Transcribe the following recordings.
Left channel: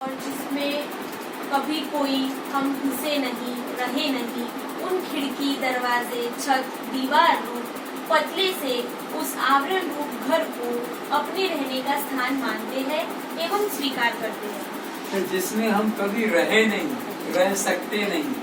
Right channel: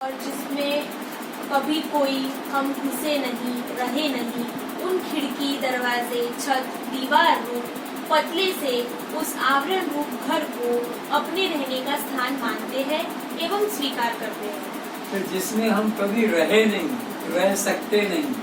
और जिसमें कभी कोई हम घुसे नहीं, रहे नहीं, उन खिड़की, दरवाजे, छत, दीवार रूप पतले से उस आवरण रूप घर को अपने रहने का स्थान मानते हैं एवं स्वीकार करते हैं। तो जिसमें हम कभी रहे नहीं, रह सकते नहीं,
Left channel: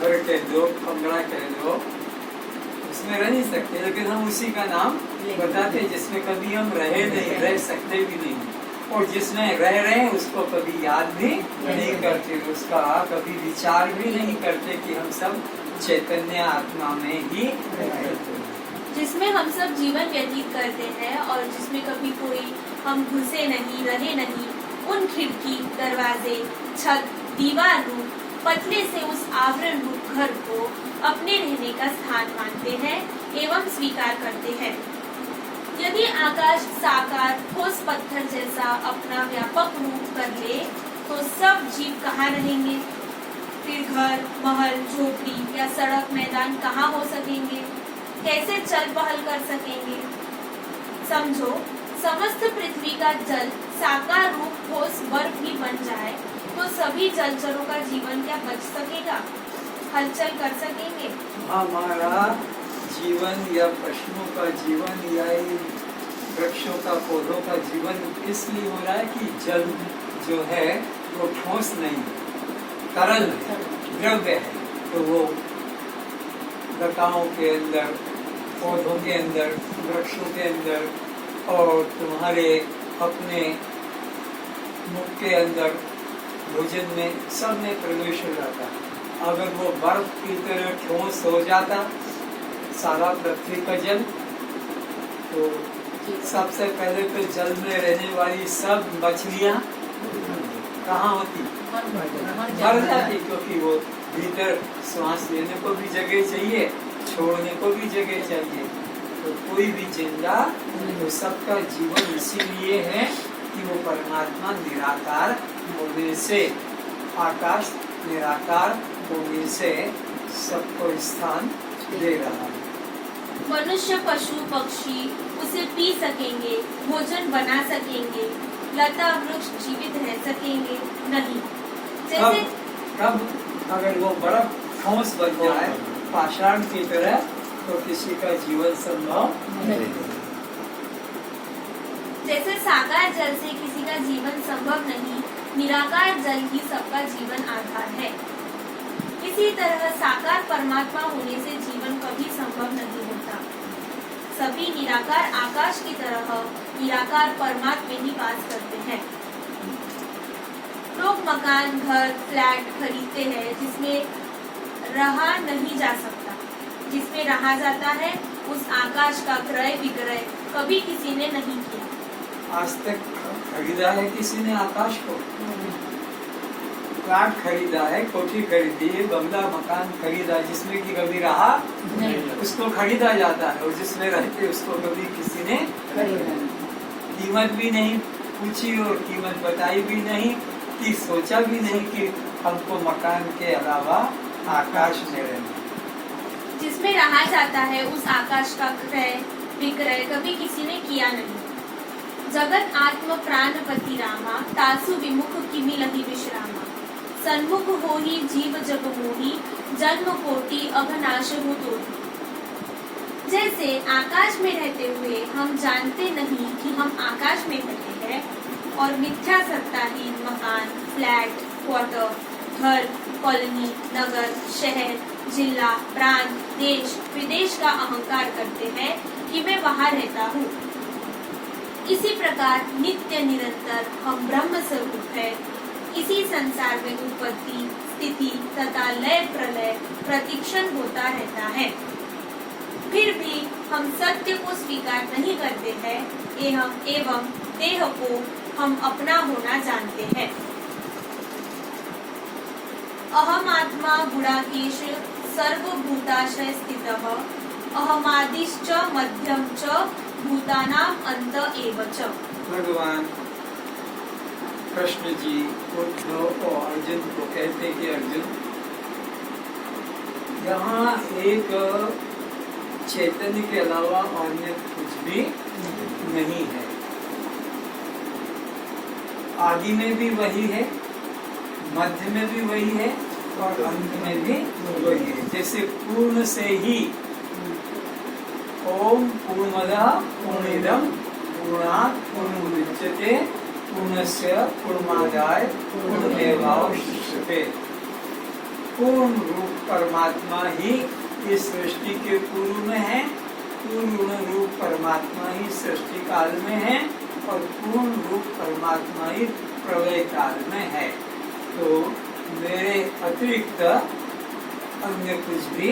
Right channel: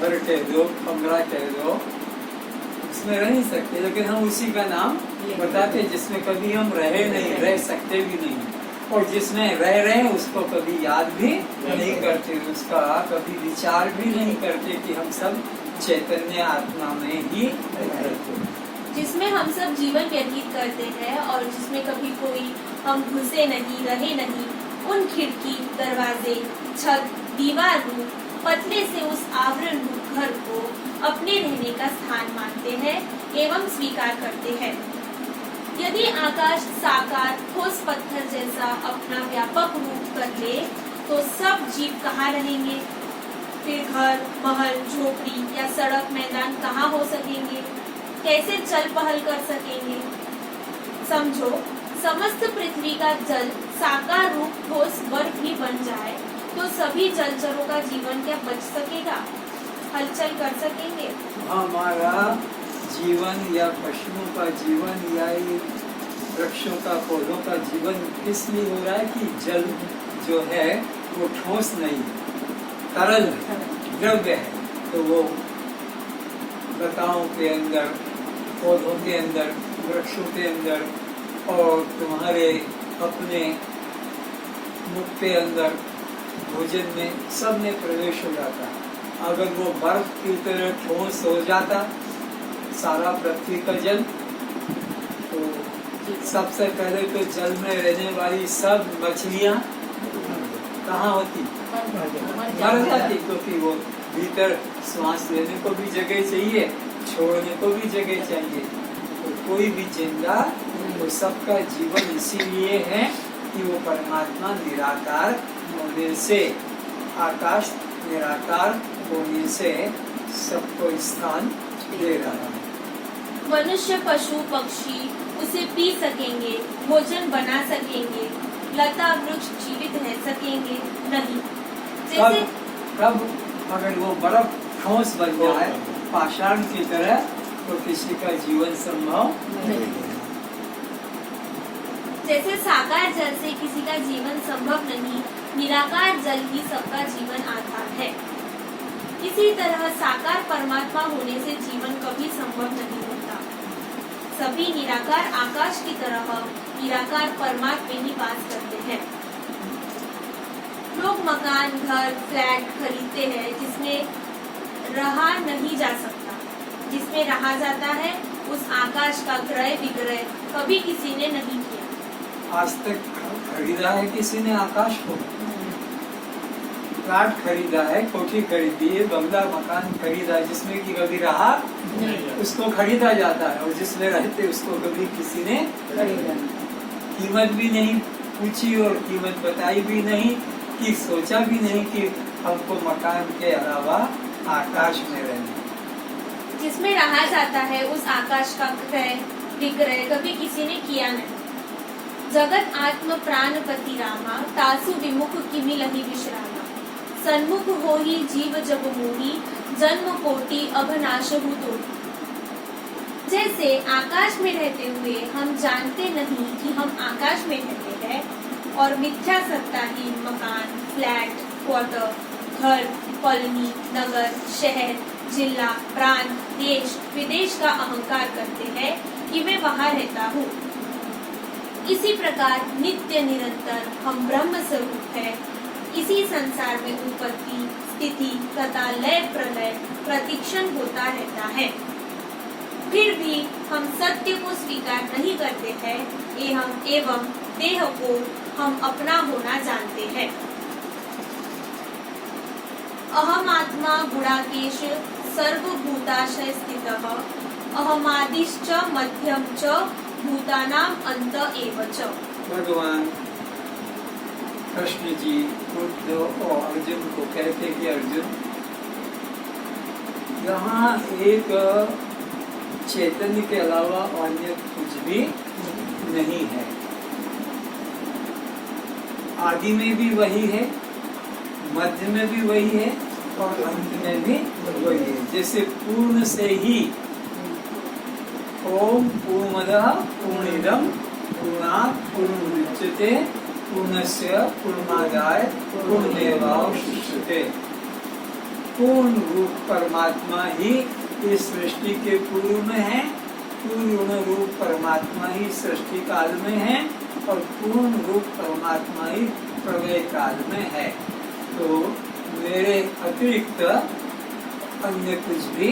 घर कह दो, कमरा कह दो, उसमें रह नहीं सकते, लेकिन हम उसी का नाम बताते हैं जिसमें कभी हम रहे नहीं, रह सकते भी नहीं, और जिसमें रह रहे हैं उसको कभी याद भी नहीं करते, उसका कभी विचार भी नहीं करते कि हम सब चैतन्य आत्मा में ही रहते हैं। जिसमें हम सब जीवन व्यतीत करते हैं और जिसमें कभी कोई हम घुसे नहीं, रहे नहीं, उन खिड़की, दरवाजे, छत, दीवार रूप पतले से उस आवरण रूप घर को अपने रहने का स्थान मानते हैं एवं स्वीकार करते हैं। यदि आकाश साकार ठोस पत्थर जैसा अपना व्यापक रूप कर ले तो सब जीव कहाँ रहेंगे? फिर घर, महल, झोपड़ी या सड़क, मैदान कहाँ हो सकेंगे? कैसे चल पहल कर सकेंगे? समझो, समस्त पृथ्वी का जल साकार रूप ठोस बर्फ ही बन जाए तो सभी जलचरों का जीवन क्या बच सकेगा? हलचल कर सकेंगे? हमारा जीवन या पशुओं का जीवन या वृक्षों का, पौधों का जीवन इसलिए हो रहा है कि जल जो है वो ठोस नहीं, तरल द्रव्य है, तो वो लताओं के अंदर, पौधों के अंदर, वृक्षों के अंदर और तुम्हारे अपने मुख के अंदर, भोजन में, सब में प्रवेश हो जाता है। अगर वो बर्फ की तरह ठोस हो जाता सारा पृथ्वी का जल, तो सबसे पहले तो जल में रहने वाली सब मछलियाँ कहाँ होती? मर जाती, क्योंकि वो भीतर श्वास लेने को भी जगह चाहिए, छोड़ने को भी जगह चाहिए, तो कोई भी जिंदा, तो सबका जीवन इसीलिए है कि वो परमात्मा निराकार होने से, आकाश निराकार होने से सबको स्थान दे रहा है। मनुष्य, पशु, पक्षी उसे पी सकेंगे, भोजन बना सकेंगे, लता वृक्ष जीवित रह सकेंगे नहीं। जैसे कब अगर वो बर्फ ठोस बन जाए पाषाण की तरह, तो किसी का जीवन संभव नहीं। जैसे साकार जल से किसी का जीवन संभव नहीं, निराकार जल ही सबका जीवन आधार है। इसी तरह साकार परमात्मा होने से जीवन कभी संभव नहीं होता। सभी निराकार आकाश की तरह निराकार परमात्मा में ही वास करते हैं। लोग मकान, घर, फ्लैट खरीदते हैं जिसमें रहा नहीं जा सकता। जिसमें रहा जाता है उस आकाश का क्रय विक्रय कभी किसी ने नहीं किया। आज तक खरीदा है किसी ने आकाश को? प्लाट खरीदा है, कोठी खरीदी है, बंगला मकान खरीदा, जिसमें कि कभी रहा नहीं, उसको खरीदा जाता है, और जिसमें रहते उसको कभी किसी ने कीमत भी नहीं पूछी और कीमत बताई भी नहीं, कि सोचा भी नहीं कि हमको मकान के अलावा आकाश में रहना। जिसमें रहा जाता है उस आकाश का क्रय विक्रय कभी किसी ने किया नहीं। जगत आत्म प्राणपति रामा, तासु विमुख किमि लहि विश्रामा। सन्मुख हो ही जीव जब मोही, जन्म कोटि अघनाश हु तोहि। जैसे आकाश में रहते हुए हम जानते नहीं कि हम आकाश में रहते हैं, और मिथ्या सत्ताहीन मकान, फ्लैट, क्वार्टर, घर, कॉलोनी, नगर, शहर, जिला, प्रांत, देश, विदेश का अहंकार करते हैं कि मैं वहाँ रहता हूँ। इसी प्रकार नित्य निरंतर हम ब्रह्म स्वरूप है। इसी संसार में उत्पत्ति, स्थिति तथा लय प्रलय प्रतिक्षण होता रहता है। फिर भी हम सत्य को स्वीकार नहीं करते हैं एवं देह को हम अपना होना जानते हैं। अहम आत्मा गुणाकेश सर्वभूताशय स्थितः, अहमादिश्च मध्यम च भूतानाम अंत एव च। भगवान कृष्ण जी उद्धव और अर्जुन को कहते कि अर्जुन, यहाँ एक चैतन्य के अलावा अन्य कुछ भी नहीं है। आदि में भी वही है, मध्य में भी वही है और अंत में भी वही है। जैसे पूर्ण से ही ओम पूर्णमदः पूर्णमिदं पूर्णात् पूर्णमुदच्यते पूर्णस्य पूर्णमादाय पूर्णमेवावशिष्यते। पूर्ण रूप परमात्मा ही इस सृष्टि के पूर्व में है, पूर्ण रूप परमात्मा ही सृष्टि काल में है और पूर्ण रूप परमात्मा ही प्रलय काल में है। तो मेरे अतिरिक्त अन्य कुछ भी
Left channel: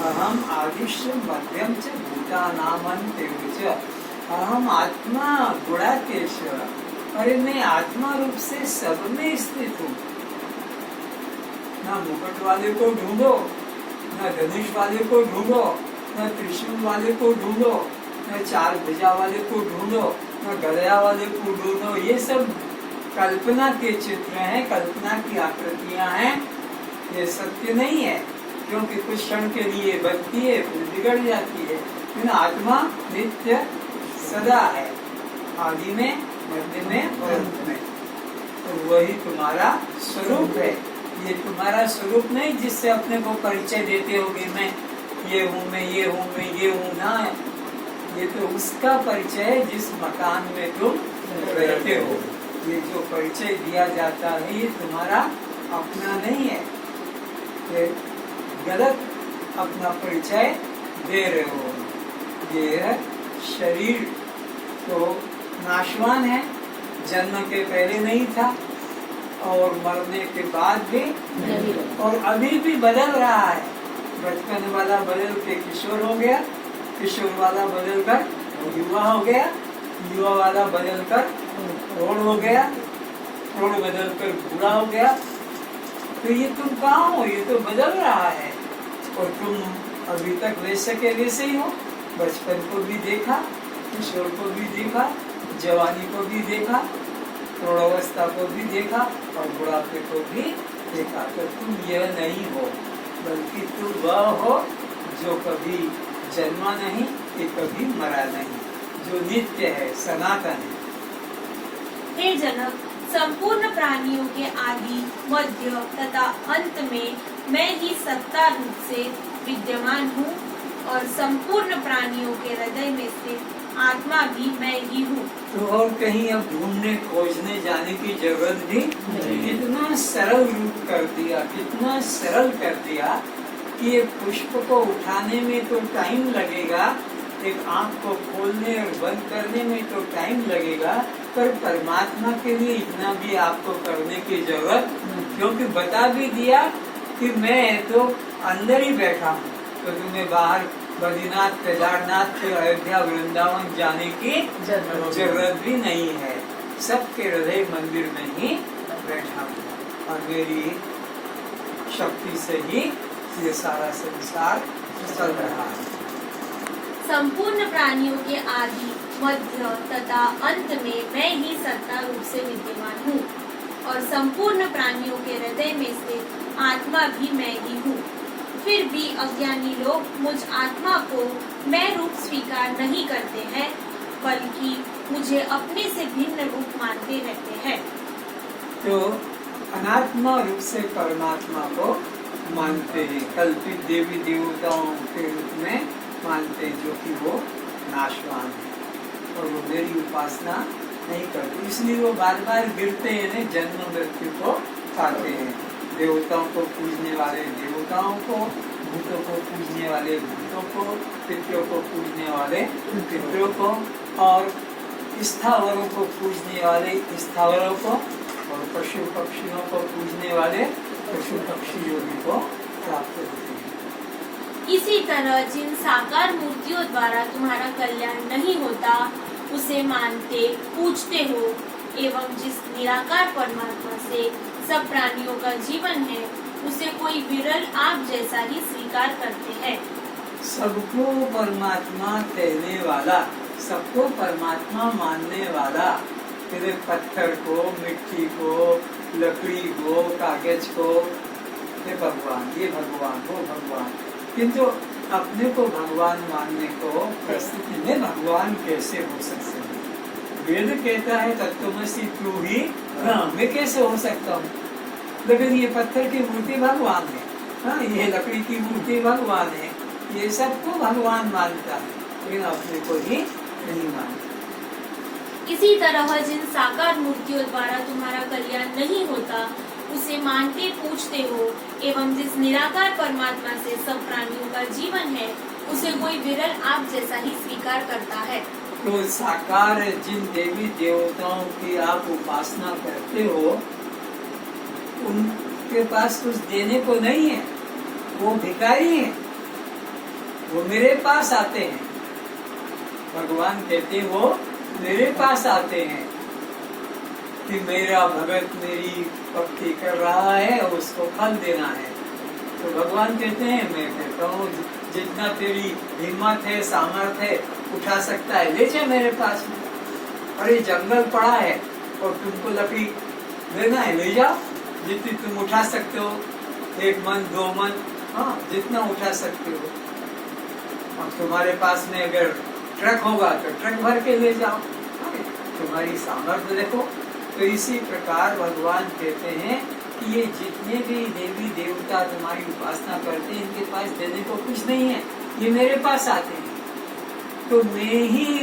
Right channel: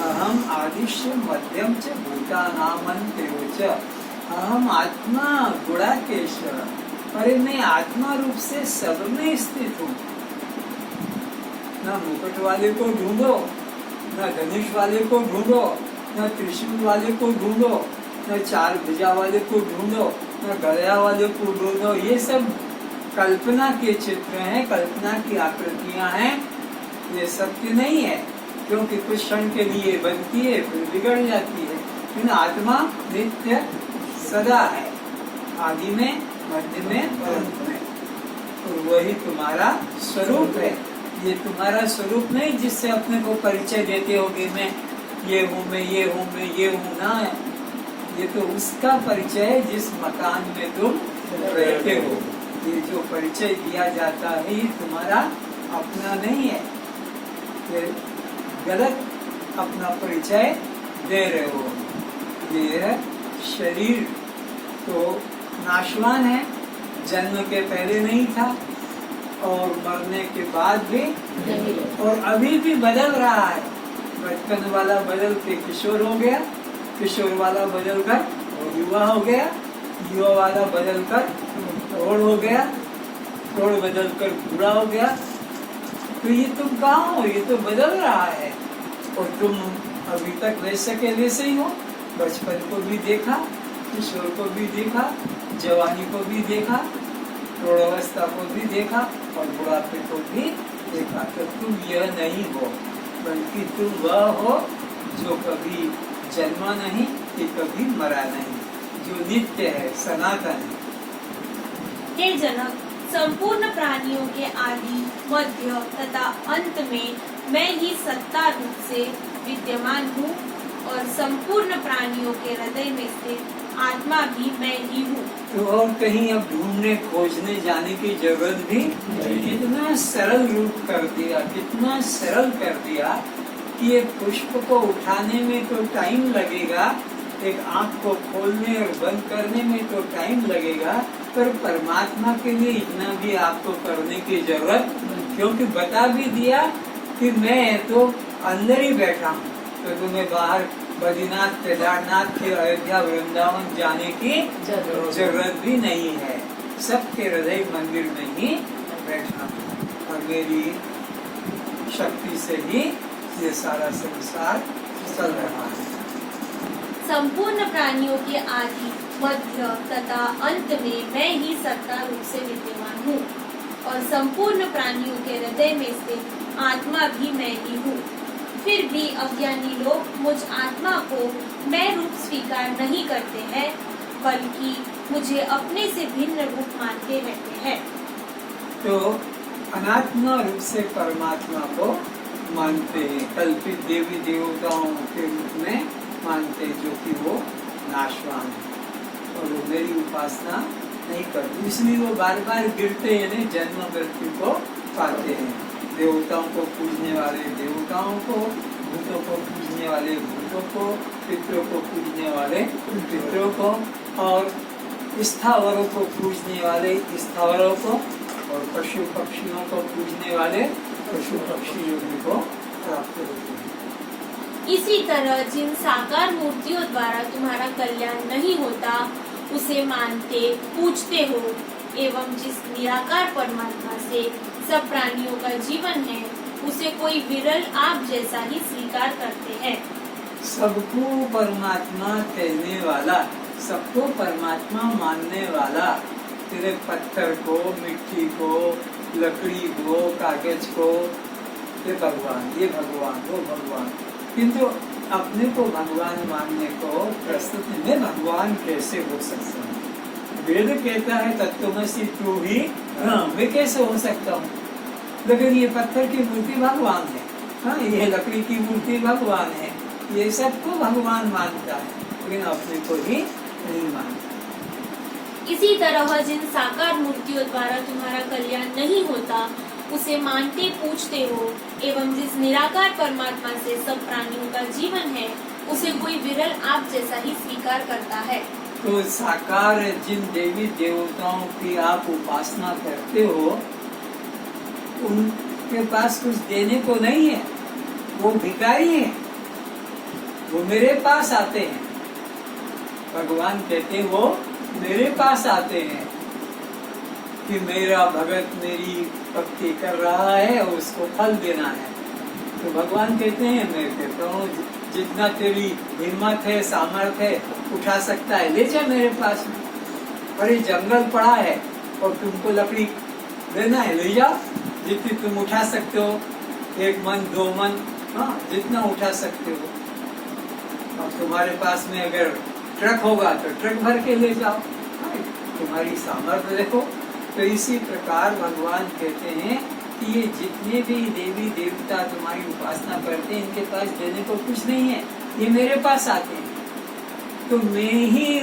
अहम आदिश्य मध्यम च भूतानामन्त्येव च अहम आत्मा गुणाकेश। अरे मैं आत्मा रूप से सब में स्थित हूँ। ना मुकुट वाले को ढूंढो, न धनुष वाले को ढूंढो, न त्रिशूल वाले को ढूंढो, न चार भुजा वाले को ढूंढो, न गदया वाले को ढूंढो। ये सब कल्पना के चित्र हैं, कल्पना की आकृतियां हैं। ये सत्य नहीं है, क्योंकि कुछ क्षण के लिए बनती है फिर बिगड़ जाती है। लेकिन आत्मा नित्य सदा है, आदि में, मध्य में और अंत में। तो वही तुम्हारा स्वरूप है। ये तुम्हारा स्वरूप नहीं जिससे अपने को परिचय देते होगे, मैं ये हूँ, मैं ये हूँ, मैं ये हूँ ना। ये तो उसका परिचय है जिस मकान में तुम रहते हो। ये जो परिचय दिया जाता है ये तुम्हारा अपना नहीं है, ये गलत अपना परिचय दे रहे हो। ये है शरीर तो नाशवान है, जन्म के पहले नहीं था और मरने के बाद भी नहीं, और अभी भी बदल रहा है। बचपन वाला बदल के किशोर हो गया, किशोर वाला बदल कर युवा हो गया, युवा वाला बदल कर प्रौढ़ हो गया, प्रौढ़ बदल कर बूढ़ा हो गया। तो ये तुम कहाँ हो? ये तो बदल रहा है और तुम अभी तक वैसे के वैसे ही हो। बचपन को भी देखा, किशोर को भी देखा, जवानी को भी देखा, प्रौढ़ावस्था को भी देखा और बुढ़ापे को भी देखा। तो तुम यह नहीं हो, बल्कि तुम वह हो जो कभी जन्मा नहीं, कि कभी मरा नहीं, जो नित्य है, सनातन है। हे जनक, संपूर्ण प्राणियों के आदि, मध्य तथा अंत में मैं ही सत्ता रूप से विद्यमान हूँ और संपूर्ण प्राणियों के हृदय में स्थित आत्मा भी मैं ही हूँ। तो और कहीं अब ढूंढने खोजने जाने की जरूरत भी नहीं। कितना सरल रूप कर दिया, कितना सरल कर दिया कि ये पुष्प को उठाने में तो टाइम लगेगा, एक आंख को खोलने और बंद करने में तो टाइम लगेगा, पर परमात्मा के लिए इतना भी आपको करने की जरूरत, क्योंकि बता भी दिया कि मैं तो अंदर ही बैठा हूँ। तो तुम्हें बाहर बद्रीनाथ, केदारनाथ के अयोध्या, वृंदावन जाने की जरूरत भी नहीं है। सबके हृदय मंदिर में ही बैठा हूँ और मेरी शक्ति से ही ये सारा संसार चल रहा है। संपूर्ण प्राणियों के आदि, मध्य तथा अंत में मैं ही सत्ता रूप से विद्यमान हूँ और संपूर्ण प्राणियों के हृदय में स्थित आत्मा भी मैं ही हूँ। फिर भी अज्ञानी लोग मुझ आत्मा को मैं रूप स्वीकार नहीं करते हैं, बल्कि मुझे अपने से भिन्न रूप मानते रहते हैं। तो अनात्मा रूप से परमात्मा को मानते हैं, कल्पित देवी देवताओं के रूप में मानते हैं, जो कि वो नाशवान है और वो मेरी उपासना नहीं करते। इसलिए वो बार बार गिरते हैं, जन्म मृत्यु को पाते हैं। देवताओं को पूजने वाले देवताओं को, भूतों को पूजने वाले भूतों को, पितरों को पूजने वाले पितरों को और स्थावरों को पूजने वाले स्थावरों को और पशु पक्षियों को पूजने वाले पशु पक्षियों को प्राप्त होते हैं। इसी तरह जिन साकार मूर्तियों द्वारा तुम्हारा कल्याण नहीं होता उसे मानते पूजते हो, एवं जिस निराकार परमात्मा से सब प्राणियों का जीवन है उसे कोई विरल आप जैसा ही स्वीकार करते हैं। सबको परमात्मा कहने वाला, सबको परमात्मा मानने वाला, तेरे पत्थर को, मिट्टी को, लकड़ी को, कागज को, ये भगवान, ये भगवान, वो भगवान, किंतु अपने को भगवान मानने को प्रस्तुति में भगवान कैसे हो सकते हैं? वेद कहता है तत्त्वमसि तू ही, हाँ, मैं कैसे हो सकता हूँ? लेकिन ये पत्थर की मूर्ति भगवान है, हाँ, ये लकड़ी की मूर्ति भगवान है, ये सबको भगवान मानता है, लेकिन अपने को ही नहीं मानता। इसी तरह जिन साकार मूर्तियों द्वारा तुम्हारा कल्याण नहीं होता उसे मानते पूछते हो, एवं जिस निराकार परमात्मा से सब प्राणियों का जीवन है उसे कोई विरल आप जैसा ही स्वीकार करता है। तो साकार जिन देवी देवताओं की आप उपासना करते हो, उनके पास कुछ देने को नहीं है, वो भिखारी हैं, वो मेरे पास आते हैं। भगवान कहते हैं वो मेरे पास आते हैं कि मेरा भगत मेरी भक्ति कर रहा है और उसको फल देना है। तो भगवान कहते हैं, मैं कहता हूँ जितना तेरी हिम्मत है, सामर्थ्य है, उठा सकता है, ले जा मेरे पास। अरे जंगल पड़ा है और तुमको लकड़ी लेना है, ले जाओ, जितनी तुम उठा सकते हो, 1 मन 2 मन, हाँ, जितना उठा सकते हो। अब तुम्हारे पास में अगर ट्रक होगा तो ट्रक भर के ले जाओ, हाँ, तुम्हारी सामर्थ्य देखो। तो इसी प्रकार भगवान कहते हैं कि ये जितने भी देवी देवता तुम्हारी उपासना करते हैं, इनके पास देने को कुछ नहीं है, ये मेरे पास आते हैं, तो मैं ही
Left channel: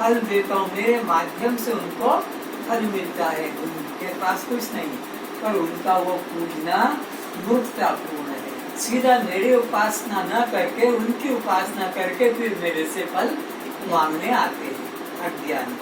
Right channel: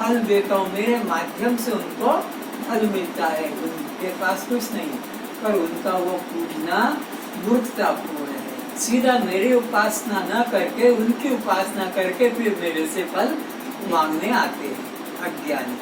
फल देता हूँ, मेरे माध्यम से उनको फल मिलता है, उनके पास कुछ नहीं। पर उनका वो पूजना मूर्खतापूर्ण है। सीधा मेरी उपासना न करके उनकी उपासना करके फिर मेरे से फल मांगने आते हैं अज्ञानी।